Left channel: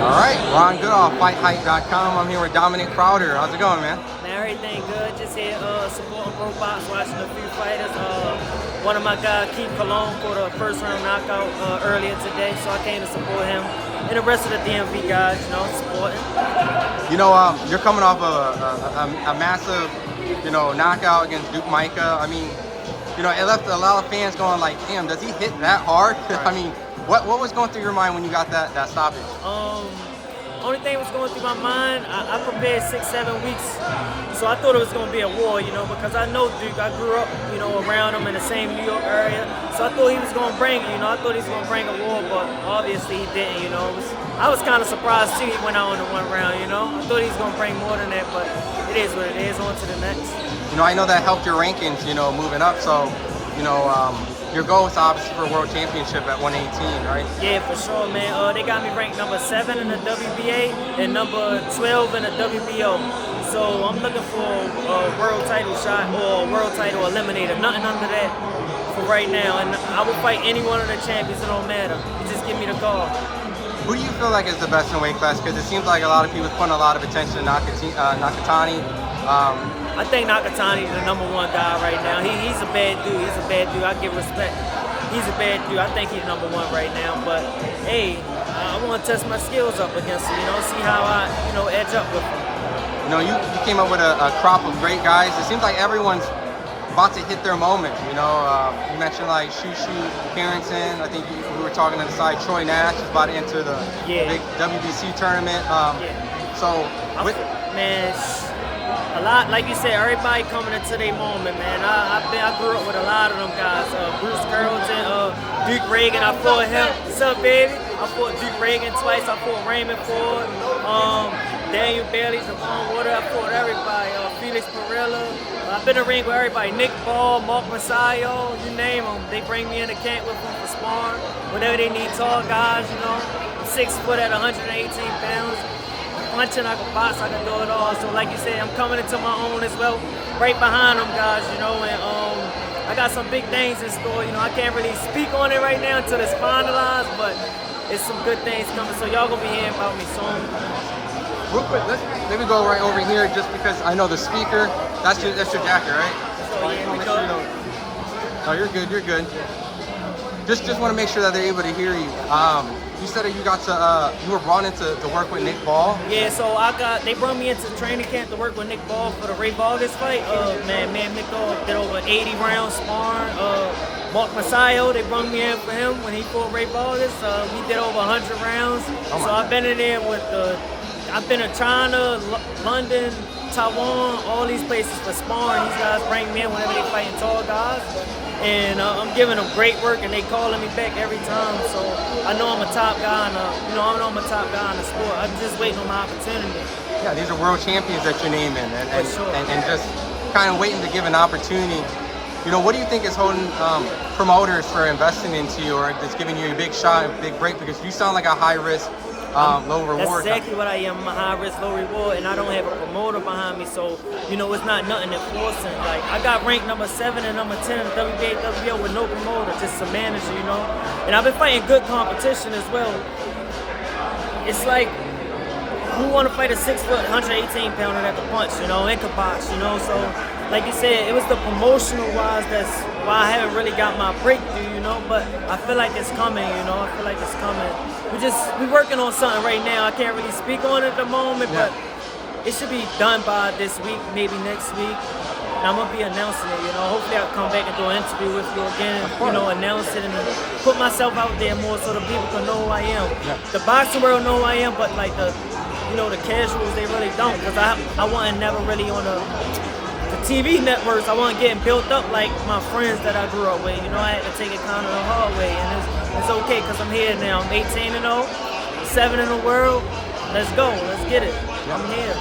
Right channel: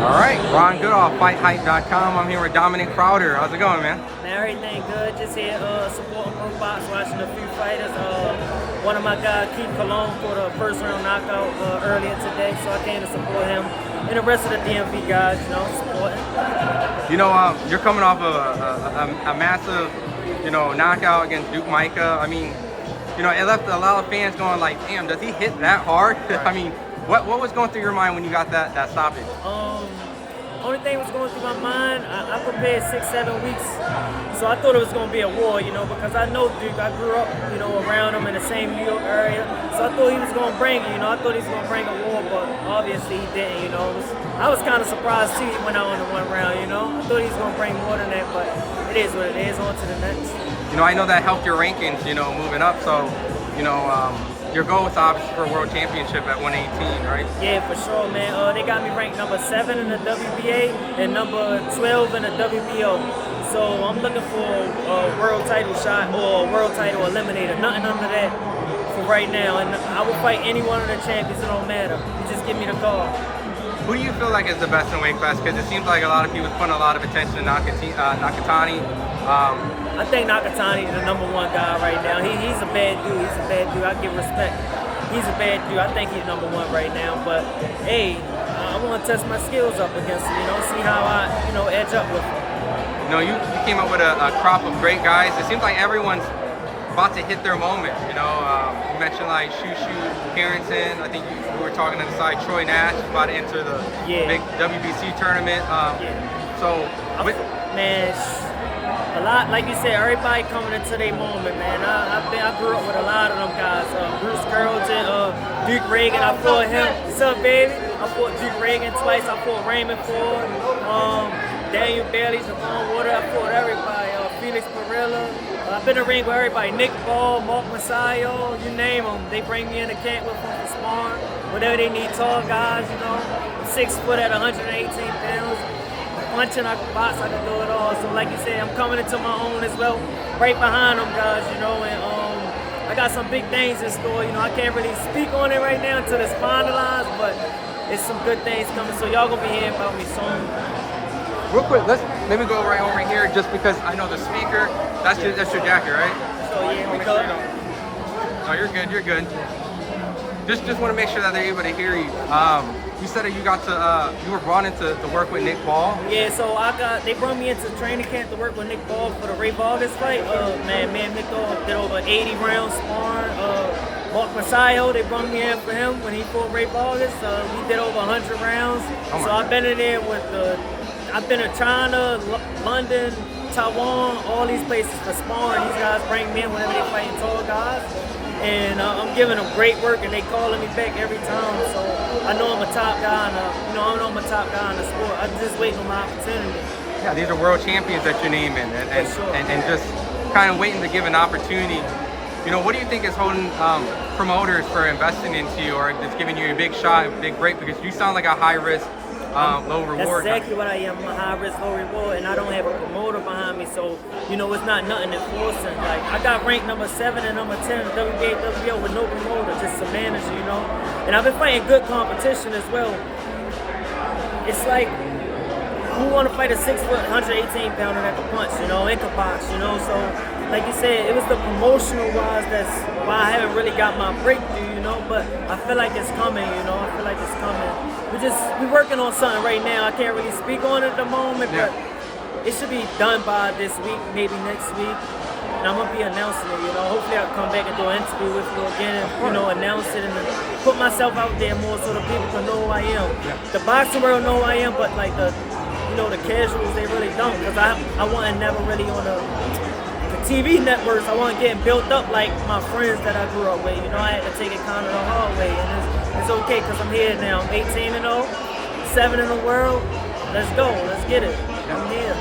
All right, Ron Goodall, FightHype.com. I'm here with Dominic Crowder. How's it going, man? Man, everything good. Just here supporting Probox, watching a few fighters. One of my guys, Keith Cologne, for the first round knockout earlier today, so I came to support him. And the rest of the DMV guys, you know, supporting. You know, you're coming off of a massive, you know, knockout against Duke Micah. I mean, you know, it left a lot of fans going like, damn, does he hit that hard? Right. I mean, what was going through your mind when you got that stoppage? Only thing was going through my mind, I prepared 6-7 weeks, so I thought it was going to be a war, you know, because I know Duke. I grew up, you know, around him in the same New York area, so I thought he was going to bring it, you know. I thought he was going to bring a war, but obviously he didn't, you know. I was kind of surprised too he went out in the one round, you know. I thought he was going to bring more than that, but it is what it is. On to the next. You know, I know that helped your rankings, you know, moving up, so, you know, your goal is obviously for a world championship at 118, right? Yeah, for sure, man. They got me ranked number 7 in the WBA and number 12 in the WBO. So I'm looking for a world title shot or a world title eliminator. Nothing under that for right now. And I will fight any one of the champions. It don't matter. You just give me the call. Who do you feel like is the best in weight class? Because it seems like a lot of people putting a lot of attention to Nakatani. I think Nakatani is the #1 guy right now. He's a bad dude. He's a bad dude. I give respect. He's a bad dude. I think he's #1 right now. But hey, I want to test my skills up against him. You know, see how I, you know, edge up with him. You know, you came up with a crop of great guys. It seems like everyone's about to hit their moment. You know, you mentioned like Shushu Carrington. I think we were talking to the side. Troy Nash is about to enter the big WBC tournament. So, man. A lot, like you said, everybody coming into their moment, man. I grew up with a lot of them guys. Bruce Carrollton, Duke Reagan, I fought him. What's up, baby? I fought Duke Reagan twice. I fought Raymond Ford, Daniel Bailey, Javon Water. I fought everybody. Felix Perella. I've been in the ring with everybody. Nick Ball, Mark Masayo, you name them. They bring me in the camp with them for sparring. Whenever they need tall guys, you know. I'm 6 foot at 118 pounds. Punching, I can box, I can do it all. So like you said, I'm coming into my own as well, right behind them guys, you know, and I got some big things in store. You know, I can't really speak on it right now until it's finalized, but it's some good things coming, so y'all gonna be hearing about me soon. Real quick, let me go right over here just because I know the speaker, that's your jacket, right? So yeah, we go. Oh, you're good. Just want to make sure that they're able to hear you. You said that you were brought in to work with Nick Ball. Yeah, so they brought me into training camp to work with Nick Ball for the Ray Vargas fight. Man, Nick Ball did over 80 rounds sparring. Mark Masayo, they brought me in for him when he fought Ray Vargas. We did over 100 rounds. So I've been in there I've been to China, London, Taiwan, all these places for sparring. These guys bring me in whenever they fighting tall guys. And I'm giving them great work, and they calling me back every time. So I know I'm a top guy, and I know I'm a top guy in the sport. I'm just waiting on my opportunity. Yeah, these are world champions that you're naming, and just kind of waiting to give an opportunity. You know, what do you think is holding promoters for investing into you, or just giving you a big shot, a big break? Because you sound like a high risk, low reward. That's exactly what I am. I'm a high risk, low reward, and I don't have a promoter behind me, so you know it's not nothing enforcing. Like I got ranked number 7 and number 10 in the WBA, WBO with no promoter, just a manager, you know. And I've been fighting good competition as well. It's like who want to fight a 6 foot, 118 pounder that can punch, you know, and can box, you know. So like you said, it was the promotional wise that's why I haven't really got my breakthrough, you know. But I feel like it's coming, you know. I feel like it's coming. We're working on something right now. I can't really speak on it at the moment, but it should be done by this week, maybe next week. And I'm gonna be announcing it, you know. Hopefully I can come back and do an interview with you again and, you know, announce it and put myself out there more so the people can know who I am. Yeah. The boxing world know who I am, but like the casuals, they really don't. Because I wasn't never really on the TV networks. I wasn't getting built up like my friends that I grew up with. You know, I had to take it kind of the hard way, and it's okay because I'm here now. I'm 18-0, 7 in the world. Let's go. Let's get it. I'm here.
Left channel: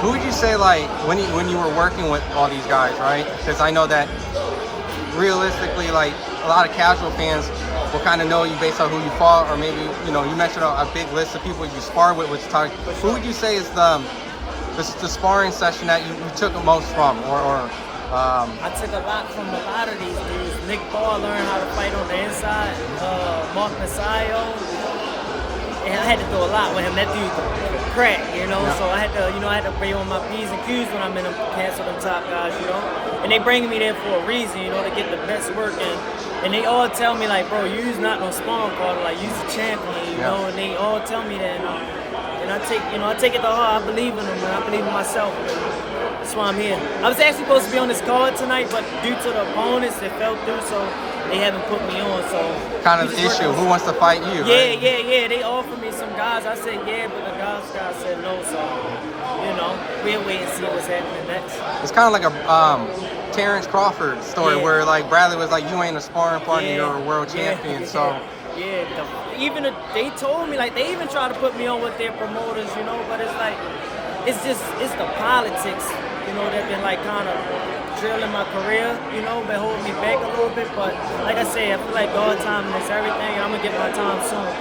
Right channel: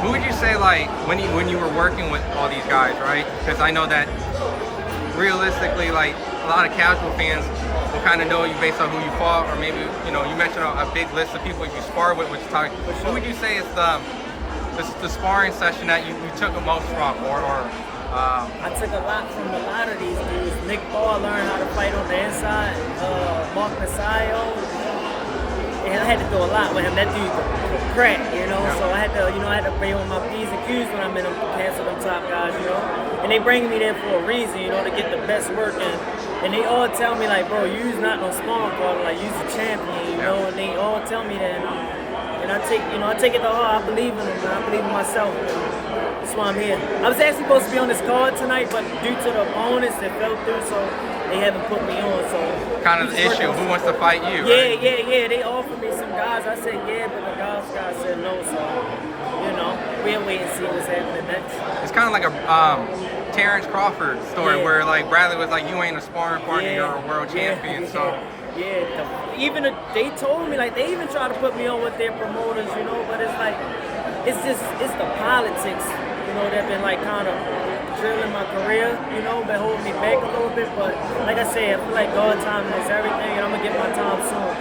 Who would you say, like, when you were working with all these guys, right? Because I know that realistically, like, a lot of casual fans will kind of know you based on who you fought, or maybe, you know, you mentioned a big list of people you sparred with, who would you say is the sparring session that you took the most from, I took a lot from a lot of these dudes. Nick Ball learned how to fight on the inside. Mark Masayo. and I had to do a lot with him. That dude could crack, you know. So I had to, you know, I had to pay on my P's and Q's when I'm in them, cancel them top guys, you know. And they bringing me there for a reason, you know, to get the best work. And they all tell me like, bro, you's not no sparring partner, like you's a champion, you know. And they all tell me that, and I take, you know, I take it to heart. I believe in them, and I believe in myself. That's why I'm here. I was actually supposed to be on this card tonight, but due to the opponents that fell through, so they haven't put me on. So kind of the issue. Who wants to fight you? Yeah, right? yeah. They offered me some guys. I said yeah, but the guys said no. So you know, we'll wait and see what's happening next. It's kind of like a Terrence Crawford story where like Bradley was like, you ain't a sparring partner, you're a world champion. So they told me, like, they even try to put me on with their promoters, you know, but it's like, it's the politics, you know, that been like kind of drilling my career, you know, been holding me back a little bit. But like I said, I feel like God timing is everything, and I'm gonna get my time soon.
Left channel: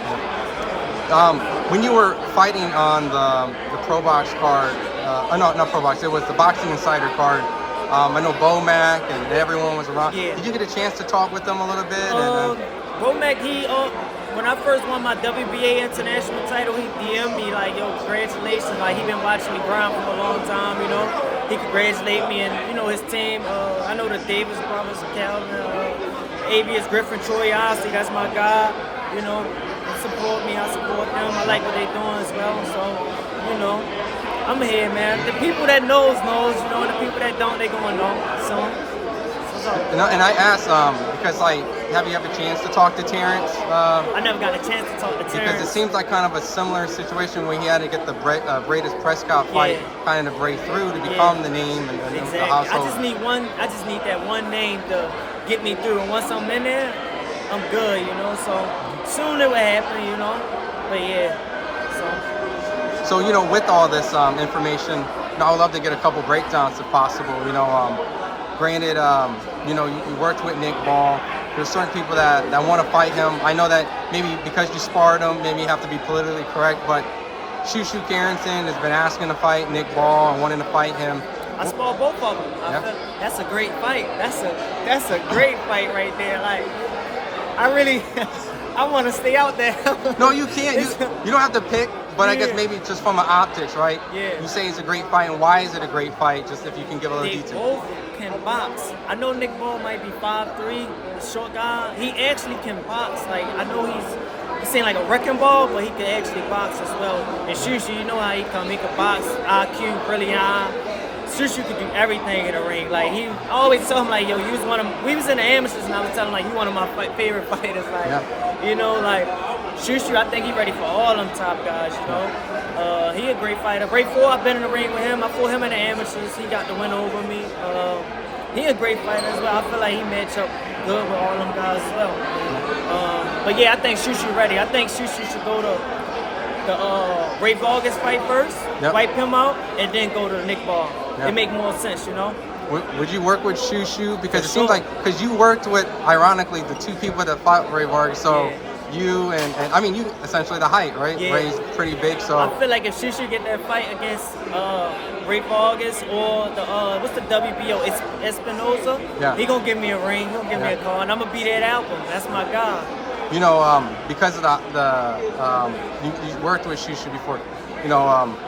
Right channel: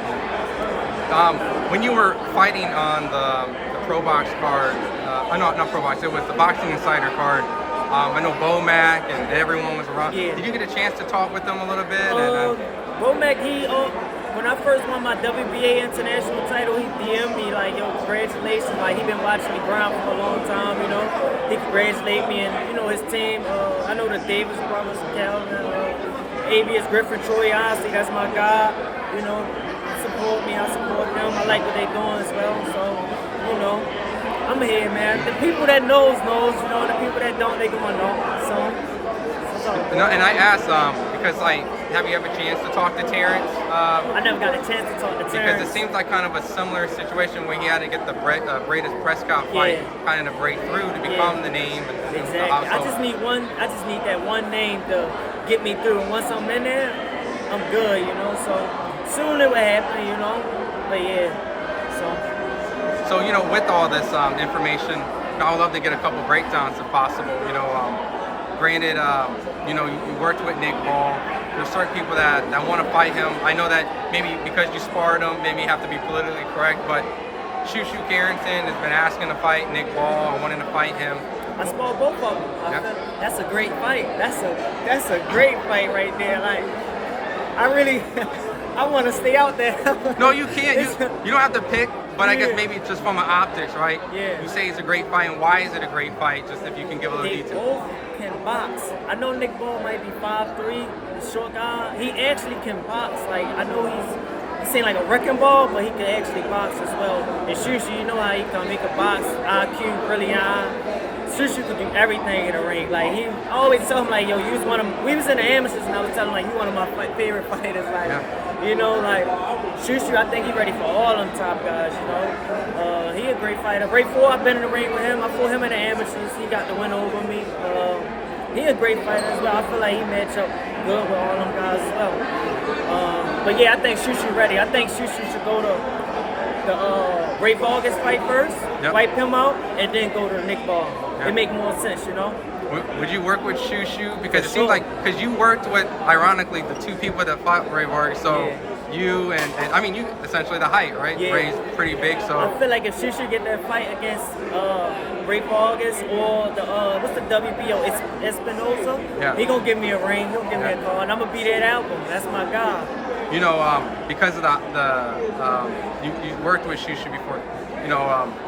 When you were fighting on the Probox card, no, not Probox, it was the Boxing Insider card. I know Bomac and everyone was around. Yeah. Did you get a chance to talk with them a little bit? Bomac, when I first won my WBA international title, he DM'd me like, yo, congratulations. Like, he been watching me grind for a long time, you know. He congratulated me and, you know, his team. I know the Davis brothers, Calvin, ABS Griffin, Troy Osley, that's my guy. You know, support me, I support them. I like what they doing as well. So, you know, I'm here, man. The people that knows, you know. The people that don't, they gonna know. So and I asked, because like, have you ever a chance to talk to Terrence? I never got a chance to talk to Terrence. Because it seems like kind of a similar situation where he had to get the Bradis Prescott fight kind of break through to become the name. And exactly. I just need that one name to get me through. And once I'm in there, I'm good, you know. So soon it will happen, you know. But yeah, So you know, with all this information, I would love to get a couple breakdowns if possible. You know, granted, you know, you worked with Nick Ball. There's certain people that want to fight him. I know that maybe because you sparred him, maybe you have to be politically correct, but Shushu Carrington has been asking to fight Nick Ball and wanting to fight him. I sparred both of them. That's a great fight. That's a great fight right there. Like, I really, I want to stay out there. No, you can't. You don't have to pick, but I guess maybe just from an optics, right? Yeah. You say it's a great fight, and why is it a great fight? Just if you can give a little they detail. Both can box. I know Nick Ball might be 5'3", the short guy. He actually can box. Like, I know he seemed like a wrecking ball, but he can actually box as well. And Shushu, you know how he come. He can box, IQ, really high. Shushu could do everything in the ring. Like, I always tell him, like, yo, you was one of, we was in the amateurs, and I was telling him, like, you one of my favorite fighters. Like, you know, like, Shushu, I think he ready for all them top guys, you know. He a great fighter. Ray 4, I've been in the ring with him. I fought him in the amateurs. He got the win over me. He a great fighter as well. I feel like he match up good with all them guys as well. But yeah, I think Shushu ready. I think Shushu should go to the Ray Vargas fight first, wipe him out, and then go to Nick Ball. It make more sense, you know. Would you work with Shushu? Because it seems like, because you worked with, ironically, the two people that fought Ray Vargas. So you and I mean, you essentially the height, right? Yeah. Ray's pretty big, so. I feel like if Shushu get that fight against Ray Vargas or the what's the WBO, it's Espinosa. He gonna give me a ring. He gonna give me a call, and I'm gonna be that album. That's my guy. You know, because of you worked with Shushu before. You know,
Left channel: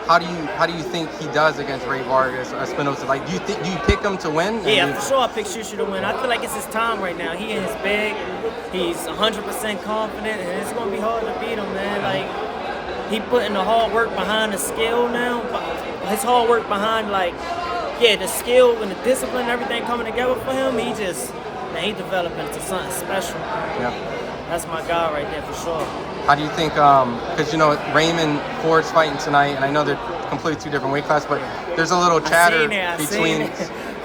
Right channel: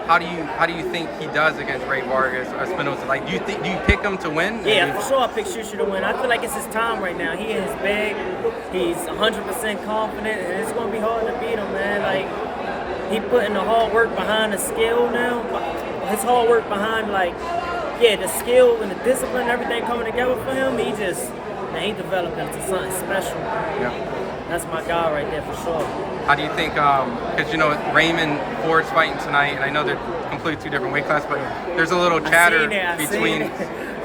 how do you think he does against Ray Vargas or Espinosa? Like, do you pick him to win? Yeah, for sure I pick Shushu to win. I feel like it's his time right now. He in his bag. He's 100% confident, and it's gonna be hard to beat him, man. Like, he putting the hard work behind the skill now. His hard work behind, like, the skill and the discipline and everything coming together for him. He developing into something special. Yeah. That's my guy right there for sure. How do you think, because you know, Raymond Ford's fighting tonight, and I know they're completely two different weight classes, but there's a little chatter between.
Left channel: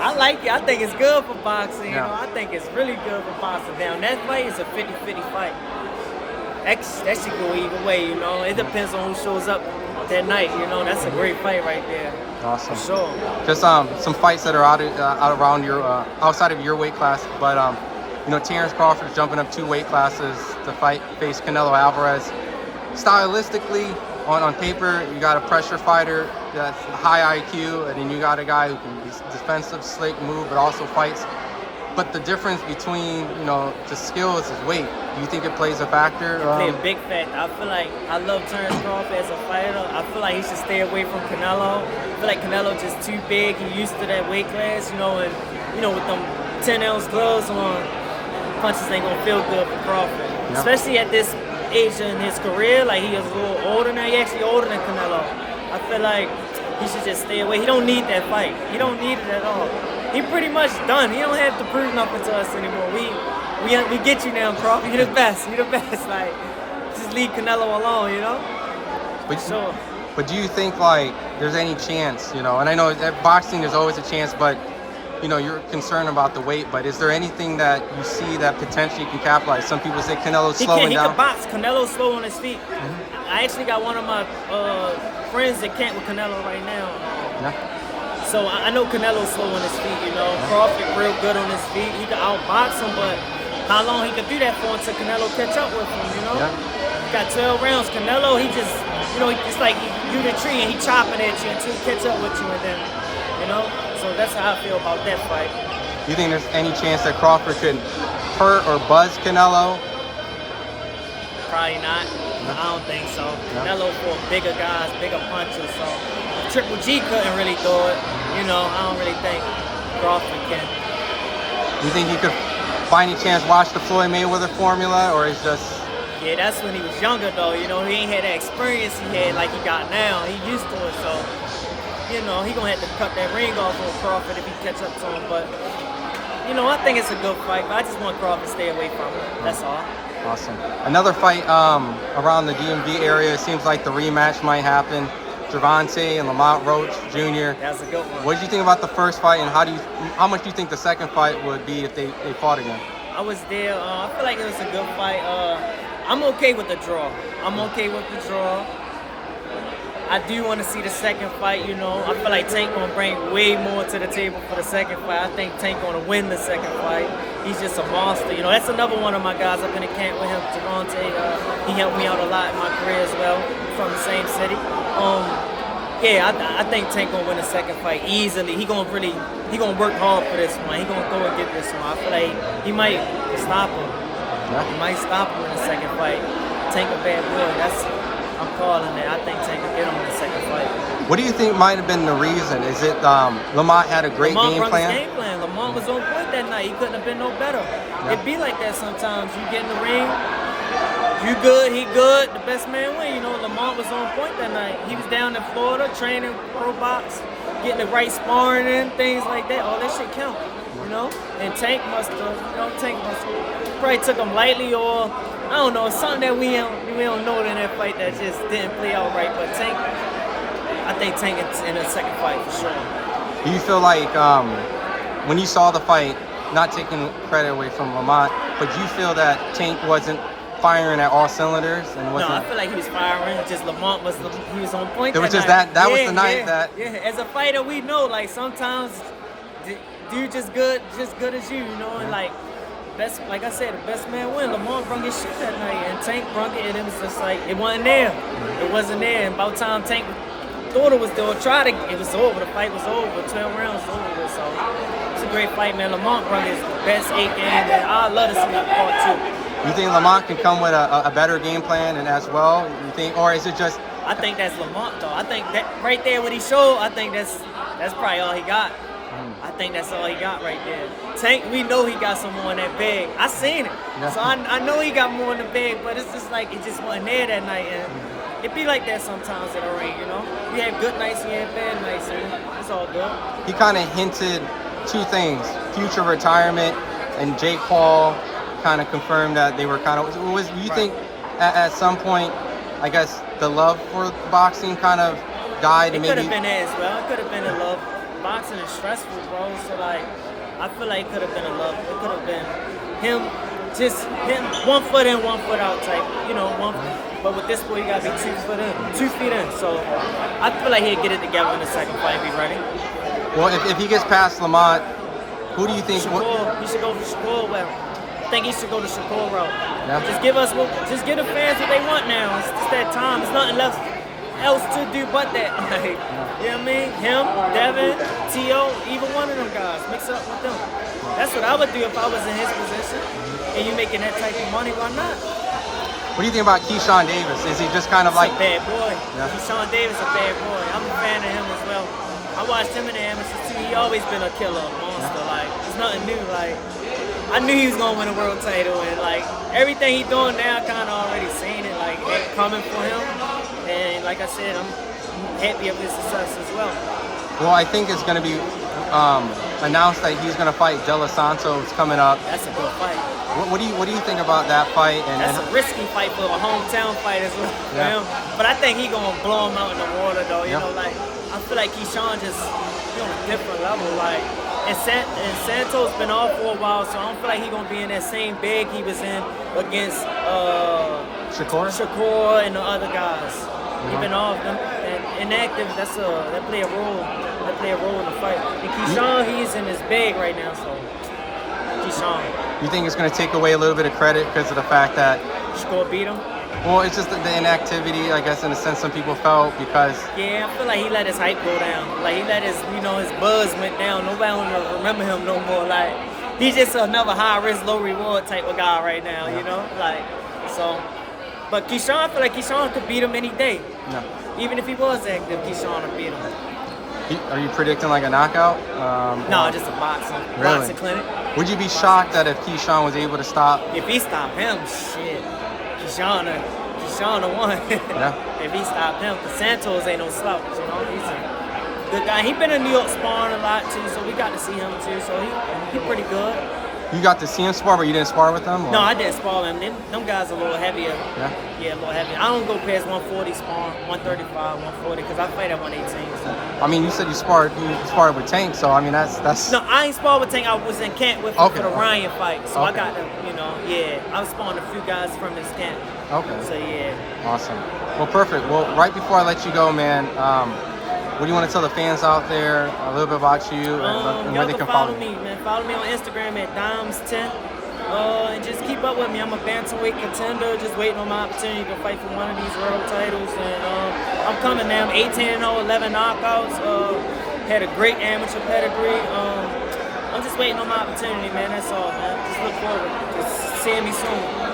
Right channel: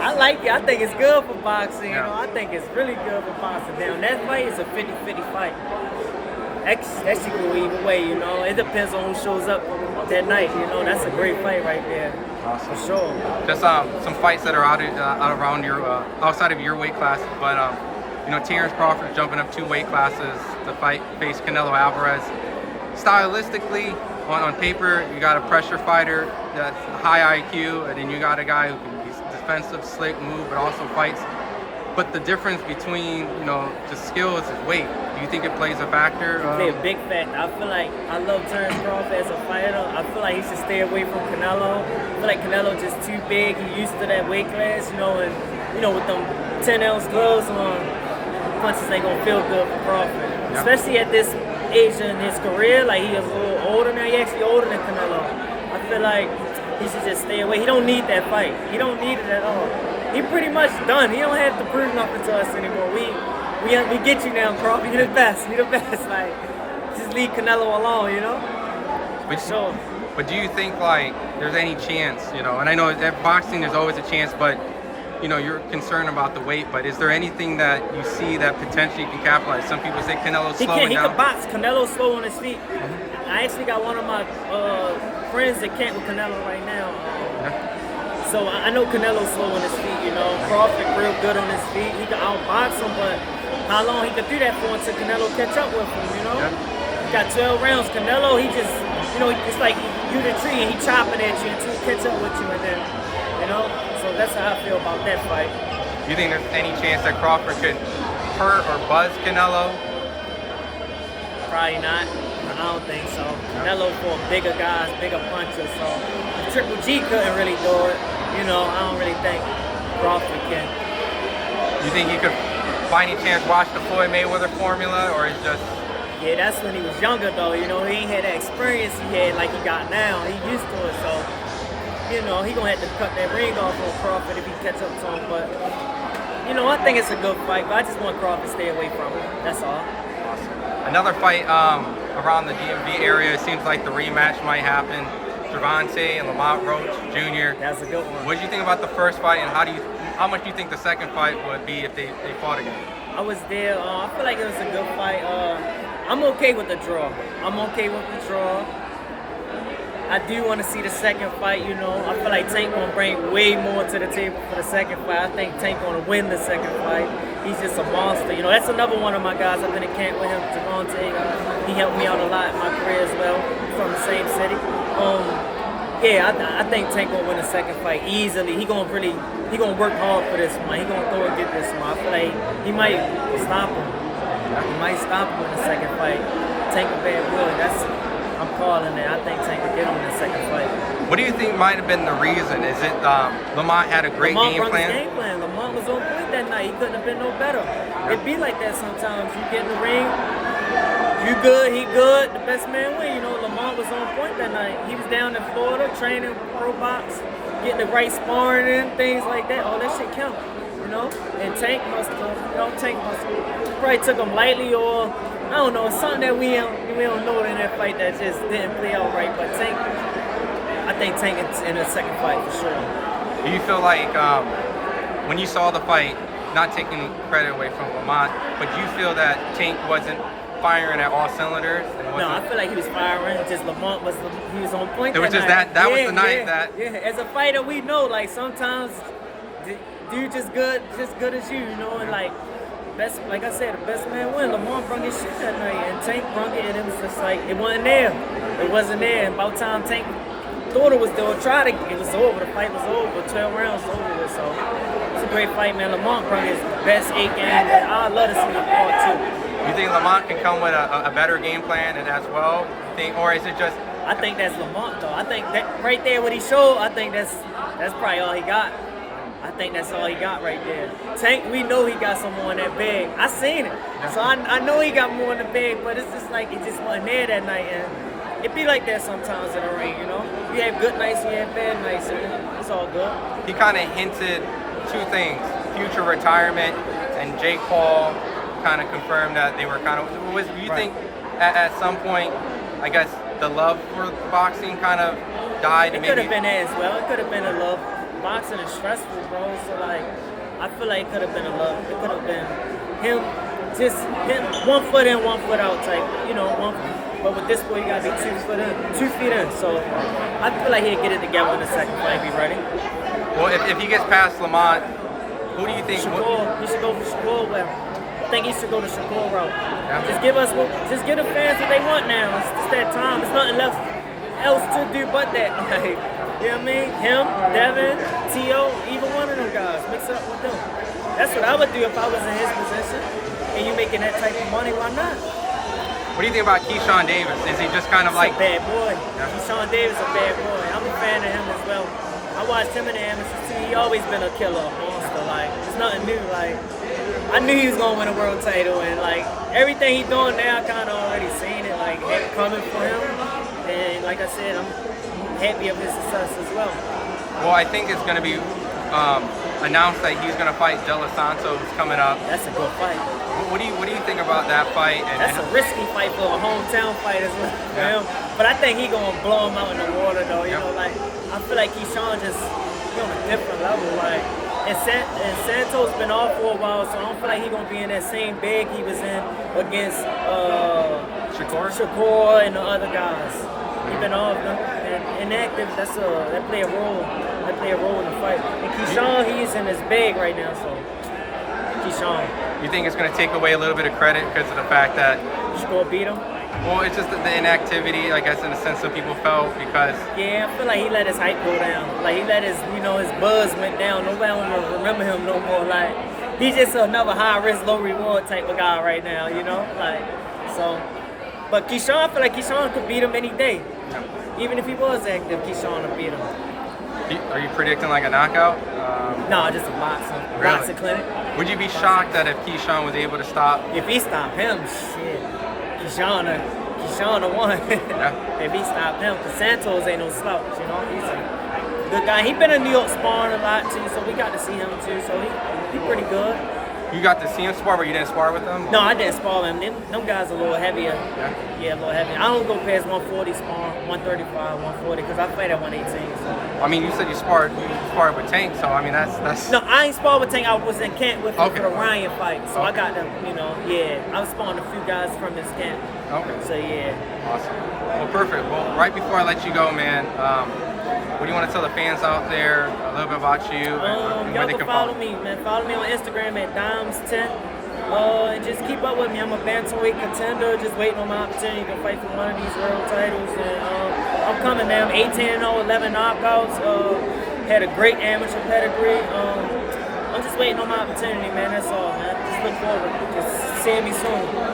I like it. I think it's good for boxing, you know. I think it's really good for boxing. Down that fight is a 50-50 fight. That should go either way, you know. It depends on who shows up that night, you know. That's a great fight right there. Awesome. For sure. Just some fights that are out around your outside of your weight class, but you know, Terrence Crawford's jumping up 2 weight classes to face Canelo Alvarez. Stylistically, on paper, you got a pressure fighter that's high IQ, and then you got a guy who can be defensive, slick, move, but also fights But the difference between, you know, the skills is weight. Do you think it plays a factor? It play a big factor. I feel like I love Terrence Crawford as a fighter. I feel like he should stay away from Canelo. I feel like Canelo just too big. He used to that weight class, you know, and you know with them 10-ounce gloves on, punches ain't gonna feel good for Crawford. No. Especially at this age in his career. Like he is a little older now. He actually older than Canelo. I feel like he should just stay away. He don't need that fight. He don't need it at all. He pretty much done. He don't have to prove nothing to us anymore. We get you now, Crawford. You're the best. You're the best. Like, just leave Canelo alone, you know? But do you think, like, there's any chance, you know, and I know that boxing there's always a chance, but, you know, you're concerned about the weight, but is there anything that you see that potentially can capitalize? Some people say Canelo's slowing down. He can box. Canelo's slow on his feet. Mm-hmm. I actually got one of my friends that camp with Canelo right now. So I know Canelo's slow on his feet, you know. Crawford real good on his feet. He can outbox him, but how long he could do that for until Canelo catch up with him, you know? He got 12 rounds. Canelo, he just, you know, it's like you the tree and he chopping at you until he catch up with you and then, you know? So that's how I feel about that fight. You think there's any chance that Crawford could hurt or buzz Canelo? Probably not. I don't think so. Canelo for bigger guys, bigger punchers, so Triple G couldn't really do it. You know, I don't really think Crawford can. You think you could, by any chance, watch the Floyd Mayweather formula, or is just... Yeah, that's when he was younger, though. You know, he ain't had that experience he had like he got now. He used to it, so, you know, he gonna have to cut that ring off on Crawford if he catch up to him. But, you know, I think it's a good fight, but I just want Crawford to stay away from him. That's all. Awesome. Another fight around the DMV area. It seems like the rematch might happen. Gervonta and Lamont Roach Jr. That's a good one. What did you think about the first fight, and how much do you think the second fight would be if they fought again? I was there. I feel like it was a good fight. I'm okay with the draw. I'm okay with the draw. I do want to see the second fight, you know. I feel like Tank gonna bring way more to the table for the second fight. I think Tank gonna win the second fight. He's just a monster. You know, that's another one of my guys. I've been in camp with him, Gervonta. He helped me out a lot in my career as well, from the same city. Yeah, I think Tank gonna win the second fight easily. He gonna work hard for this one. He gonna go and get this one. I feel like he might stop him. He might stop him in the second fight. Tank a bad boy. I'm calling it. I think Tank will get him in the second fight. What do you think might have been the reason? Is it Lamont had a great Lamont game brought plan? his game plan. Lamont was on point that night. He couldn't have been no better. It be like that sometimes. You get in the ring, you good, he good, the best man win. You know, Lamont was on point that night. He was down in Florida training Probox, getting the right sparring in, things like that. All that shit count, you know? And Tank must have, probably took him lightly, or I don't know, something that we don't know in that fight that just didn't play out right. But Tank, I think Tank in the second fight for sure. Do you feel like when you saw the fight, not taking credit away from Lamont, but you feel that Tank wasn't firing at all cylinders? No, I feel like he was firing. Just Lamont was on point. It was just night. that was the night that. Yeah, as a fighter, we know like sometimes dude just good as you know, and like. Best, like I said, the best man win. Lamont brung his shit that night, and Tank brung it, and it was just like, it wasn't there. It wasn't there, and about time Tank thought it was there, it was over. The fight was over. 12 rounds was over with, so it's a great fight, man. Lamont brung his best 8 games, and I'd love to see him part 2. You think Lamont can come with a better game plan and as well? You think, or is it just? I think that's Lamont, though. I think that right there, what he showed, I think that's probably all he got. I think that's all he got right there. Tank, we know he got some more in that bag. I seen it. So I know he got more in the bag, but it's just like it just wasn't there that night. And it be like that sometimes in the ring, you know? You have good nights, you have bad nights, and it's all good. He kind of hinted 2 things, future retirement, and Jake Paul kind of confirmed that they were kind of, you think at some point, I guess, the love for boxing kind of died? It could have been that as well. It could have been a love. Boxing is stressful, bro. So like, I feel like it could have been a love. It could have been him 1 foot in, 1 foot out type. You know, but with this boy, you gotta be 2 feet in. So I feel like he'll get it together in the second fight. Be ready. Well, if he gets past Lamont, who do you think? Shakur. He should go for Shakur. Well, I think he should go to Shakur route. Yeah. Just give the fans what they want now. It's just that time. There's nothing else to do but that. Like, you know what I mean? Him, Devin, T.O., either one of them guys. Mix it up with them. That's what I would do if I was in his position. And you making that type of money, why not? What do you think about Keyshawn Davis? Is he just kind of He's like a bad boy? Yeah. Keyshawn Davis a bad boy. I'm a fan of him as well. I watched him in the amateurs too. He always been a killer, a monster. Like, it's nothing new. Like, I knew he was gonna win a world title, and like everything he doing now, I kind of already seen it, like coming for him. And like I said, I'm happy of his success as well. Well, I think it's going to be announced that he's going to fight De Los Santos coming up. That's a good fight. What do you think about that fight? That's a risky fight for a hometown fight as well for him. But I think he gonna blow him out in the water though. You know, like I feel like Keyshawn just he on a different level. Like and Santos been off for a while, so I don't feel like he gonna be in that same bag he was in against Shakur and the other guys. He been off and inactive. That play a role. That play a role in the fight. And Keyshawn, he's in his bag right now. So Keyshawn. You think it's going to take away a little bit of credit because of the fact that Shakur beat him? Well, it's just the inactivity, I guess, in a sense, some people felt because. Yeah, I feel like he let his hype go down. Like he let his, his buzz went down. Nobody will remember him no more. Like he's just another high risk, low reward type of guy right now. Like so. But Keyshawn, I feel like Keyshawn could beat him any day. Yeah. Even if he was active, Keyshawn would beat him. Are you predicting like a knockout? No, just a boxing clinic. Would you be shocked that if Keyshawn was able to stop? If he stopped him, shit. Keyshawn won. Yeah. If he stopped him, because Santos ain't no slouch, He's a good guy. He been in New York sparring a lot too, so we got to see him too. So he pretty good. You got to see him spar, but you didn't spar with them? No, I didn't spar with him. Them guys are a little heavier. Yeah, a little heavier. I don't go past 140 spar, 135, 140, because I fight at 118. So. I mean, you said you sparred with Tank, so I mean that's. No, I ain't sparred with Tank. I was in camp with him Okay. for the Ryan fight, so I Okay. got to, I was sparring a few guys from this camp. Okay. So yeah. Awesome. Well, perfect. Well, right before I let you go, man, what do you want to tell the fans out there a little bit about you? And where Y'all they can follow me, man. Follow me on Instagram at Dimes10. And just keep up with me. I'm a bantamweight contender, just waiting on my opportunity to fight for one of these world titles. And I'm coming, man. I'm 18-0, 11 knockouts. Had a great amateur pedigree. I'm just waiting on my opportunity, man. That's all, man. Just look forward to seeing me soon.